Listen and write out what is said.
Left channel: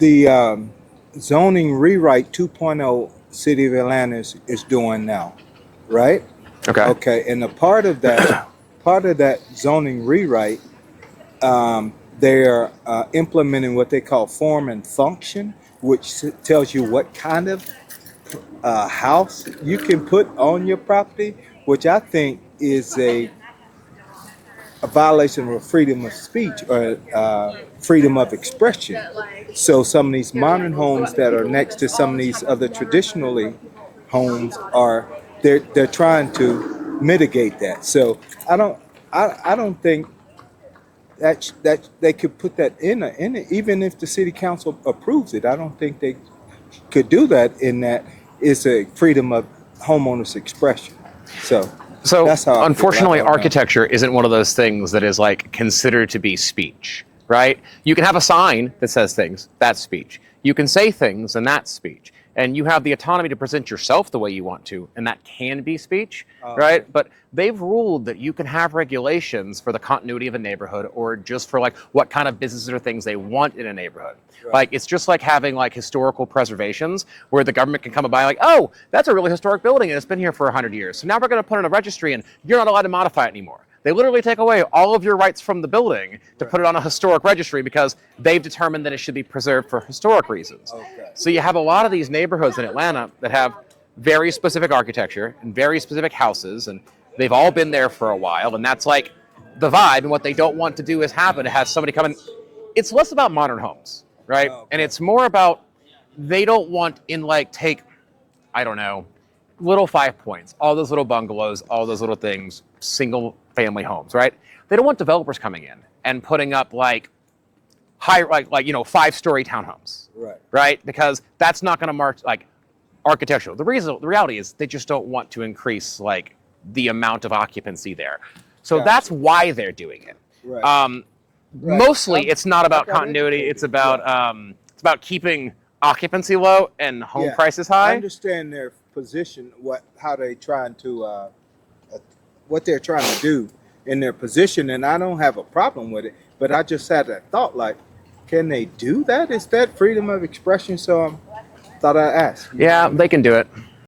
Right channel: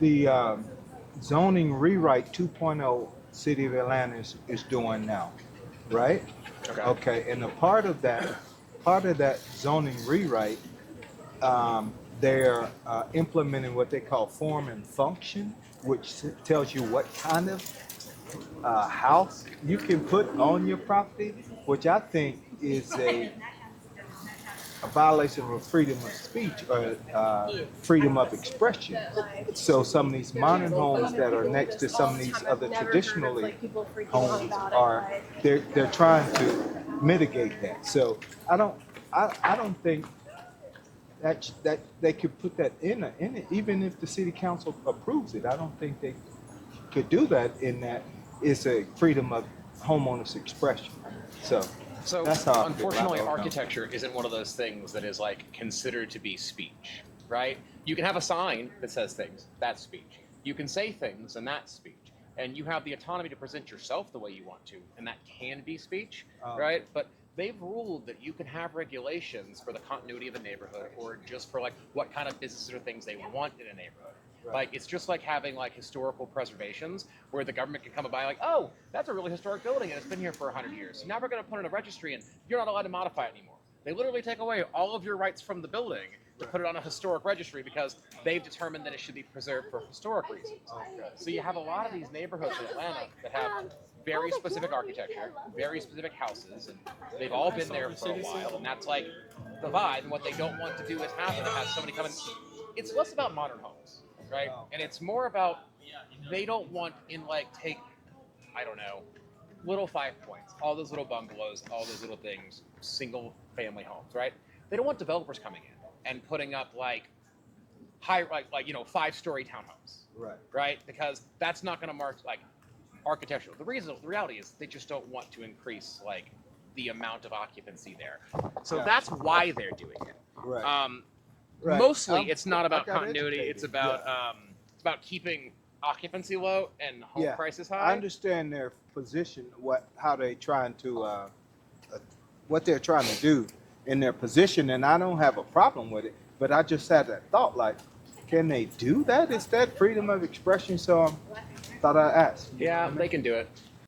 the zoning rewrite 2.0 City of Atlanta is doing now, right? Okay. Okay, and a part of that zoning rewrite, they're implementing what they call form and function, which tells you what kind of house you can put on your property, which I think is a violation of freedom of speech or freedom of expression. So some of these modern homes that are next to some of these other traditionally homes are they're trying to mitigate that. So I don't think that they could put that in it, even if the city council approves it. I don't think they could do that in that it's a freedom of homeowners expression. So So that's how I feel. unfortunately, I don't know. architecture isn't one of those things that is like considered to be speech, right? You can have a sign that says things, that's speech. You can say things, and that's speech. And you have the autonomy to present yourself the way you want to, and that can be speech, right? Okay. But they've ruled that you can have regulations for the continuity of a neighborhood or just for like what kind of businesses or things they want in a neighborhood. Right. Like, it's just like having like historical preservations where the government can come by like, oh, that's a really historic building and it's been here for 100 years. So now we're going to put it in a registry and you're not allowed to modify it anymore. They literally take away all of your rights from the building to put it on a historic registry because they've determined that it should be preserved for historic reasons. Okay. So you have a lot of these neighborhoods in Atlanta that have very specific architecture and very specific houses, and they've all been there for a while, and that's like the vibe. And what they don't want to do is have somebody come in. It's less about modern homes, right? Okay. And it's more about they don't want take, I don't know, little 5 points, all those little bungalows, all those little things, single family homes, right? They don't want developers coming in and putting up like 5-story townhomes, right? Because that's not going to mark like architectural. The reality is they just don't want to increase like the amount of occupancy there. So Gotcha. That's why they're doing it. Right. Mostly, it's not about continuity. It's about keeping occupancy low and home prices high. I understand their position, how they trying to what they're trying to do in their position, and I don't have a problem with it. But I just had that thought, like, can they do that? Is that freedom of expression? So I thought I'd ask. Yeah, they can do it.